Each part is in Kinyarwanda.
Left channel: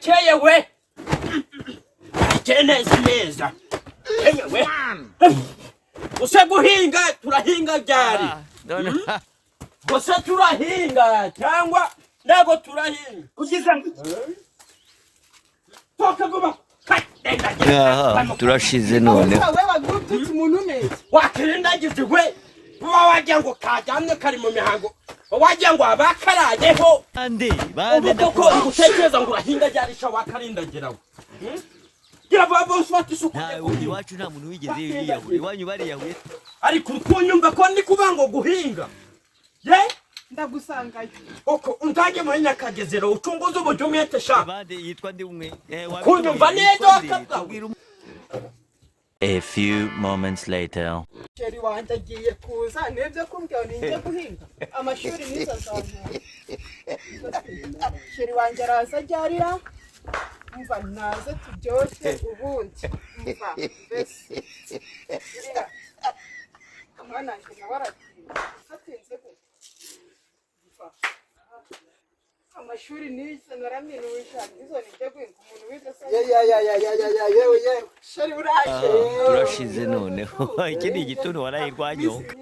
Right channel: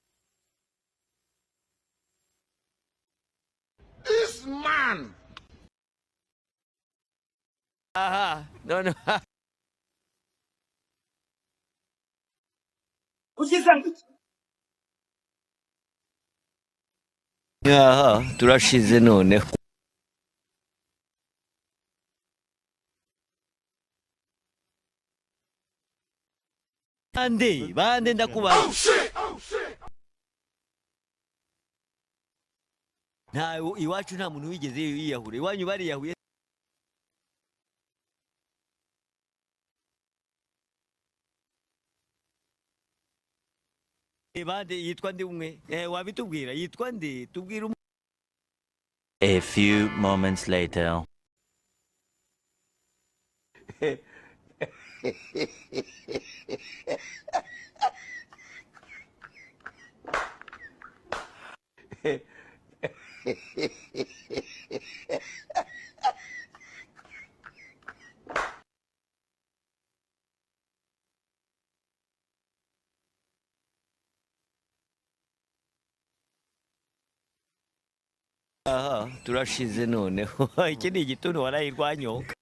Burakeye we. Keneza neza. We. Use guhinga turahinga ryari. None. Gusa turahinga cyangwa ndago turahinga. Ugize ngo. Toka vuba. Turashize none. Wakirindagize we. Wagira ngo kajyamwe kari mu mihango. Wagira ngo abakarajeho. Bande ndakuba. Utekereza ngo urahinga ryari sha wakarindagiraho. Gira babo swati suku. Nta iwacu nta muntu wigeze yiyahure. Iwanyu bari yahuye. Ariko kunyumva ko ndi kubango guhinga. Ye? Ndagusangayo. Oko untage muri Nyakagezero ucunguza ubujumete sha. Bande yitwa ndi umwe. Kunyumva neza tubwira. A few moments later. Sheri wanje agiye kuza nebyo kumbwira ninjye guhinga. Amashuri nizo zawe. Sheri wanje araza ajyarira. Umva naze tubyose ubundi. Umva bese. Mwana njye nawarati. Satinze ko. Umva. Amashuri nizo naraminuja. Nizo nijye guhinga umuntu wize sa. Yewe. Sheri uraje. Turashize none. Iki ni igitondo warayirwanyoka.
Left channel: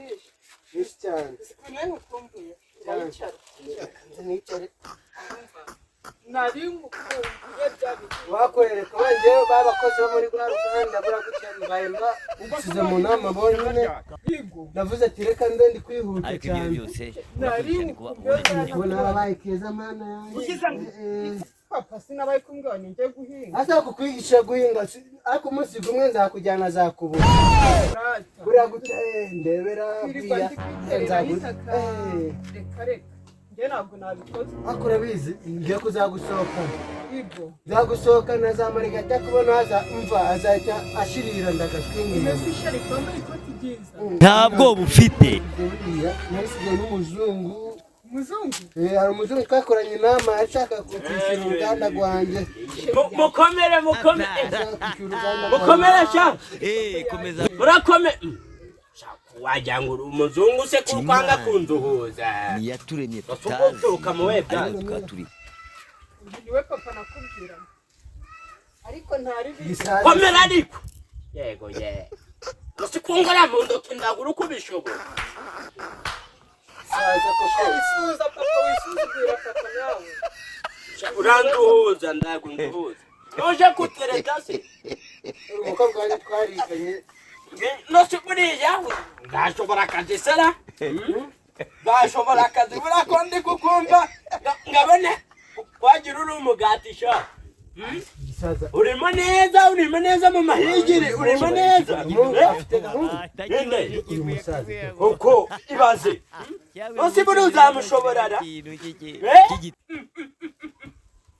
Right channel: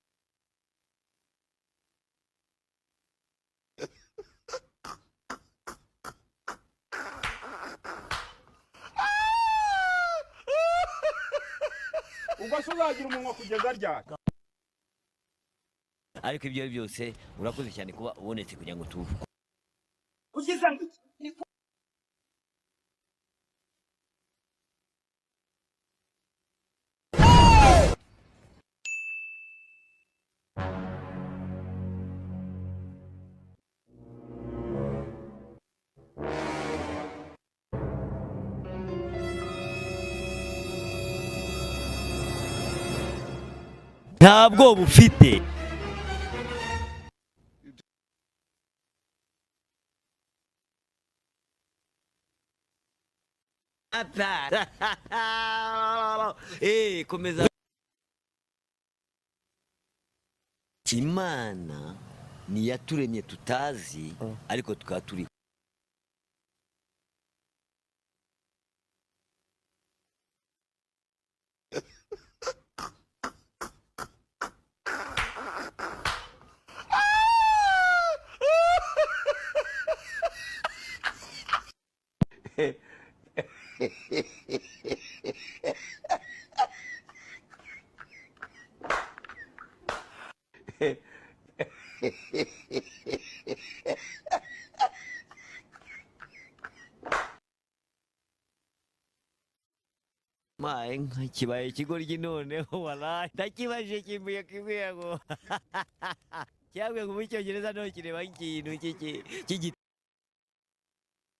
Wakwereka wanjyewe babakoze bo muri Rwanda baragutanga ubasize mu nama bone navuze ati reka ndi kwihuta ariko ibyo byose urakurikirana kuba ubonetse nabaye keza mana yanjye papa sinabaye kumbwira ninjye guhinga asa kukwigisha guhinga ariko umunsi gumwe nzakujyana zakubura buriya gute ndebera buriya nzagura ntabwo nabikoze akora bizi ngiye kuzagusohoka zagusohoka nazamara gata kubona haza umva azajya ashirira ndagashimira ntabwo bufite umuzungu hari umuzungu twakoranye inama ashaka kwishyura uruganda rwanjye mukomere sha komeza urakomeye wagira ngo umuzungu se kupanga kunduhuza ni yaturemye tutazi ariko tukaturi niwe papa nakubwira ariko ntari komera ariko yego Usi kungara mu ndoki ndagura uko bishobora uranduhuza ndagunduhuza uje kutereka se uko bwari twariganye no siburiya ndashobora kadisera ndashobora kadibura ko ndi kukumva ngabone wagira uri umugati sha urimo neza mu mahigiri urimo neza ndakibaje kiguye uko ibaze usiburi uzamushobora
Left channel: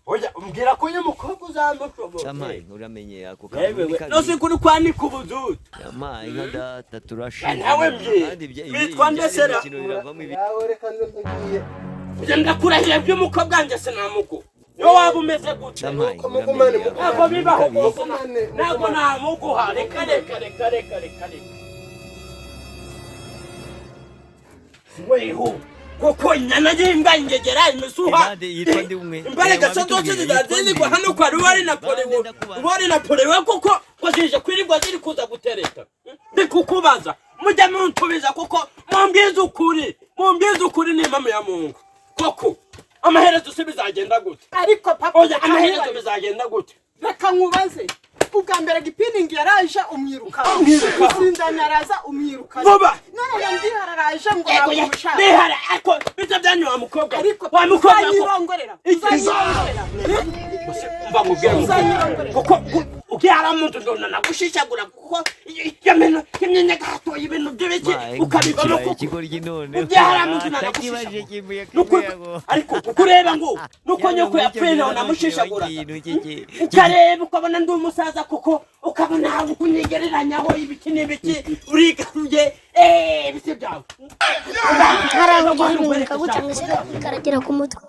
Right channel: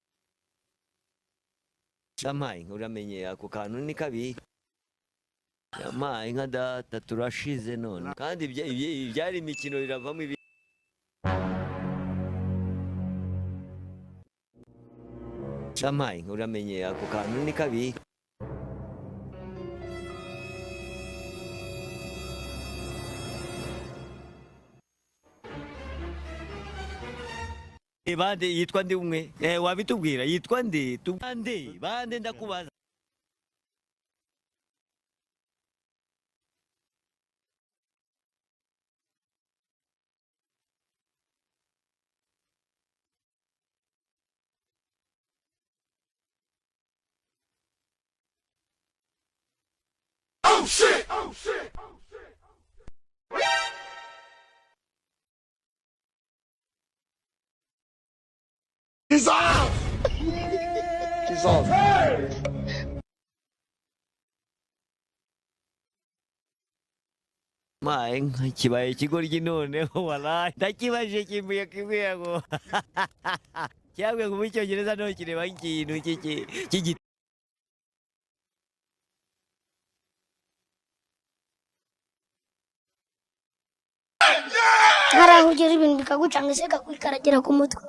oya umbwira ko uyu mukobwa uzamushobora Shamayi uramenye ako kantu ni kabi nose kuri kwanika ubuzutu Shamayi nka data turashize kandi ibyo imikino biravamo ibi ndakurahiye by'umukobwa wanjye sinamuko yo waba umeze gutya Shamayi uramenye ako kantu ni kabi ntabwo namuguha reka weho koko nyana y'imba ingegera imisuha ibande yitwa ndi umwe wabitubwira yitwa ndi hano kwa ruwari na polewe koko kozije kwirirwa ziri kuza gutereta ndikukubaza mujya muntubiza koko mumbwiza ukuri ni impamo ya Mungu koko amaherezo se bizagenda gute ariko papa oya amaherezo bizagenda gute reka nkubaze ubwa mbere gipiningi yaraje umwiruka sindana araza umwiruka vuba none ndiharaje ngo namushaka bihara ako biza byanyu wa mukobwa ariko wa mukobwa yirongorera mba kuko ukihara umuntu ndona nagushishagura kuko yamenya gato ibintu by'ibiki ukabibona ikigoryi none takibaje kimbuye ngo ariko kureba ngo nuko nyoko yapfira namushishagura cyareba ukabona ndi umusaza kuko ukabona kunyegereranyaho ibiki n'ibiki urigaruye bise byawe haraho ugera ibintu bikagucanga se kakwikaragera ku mutwe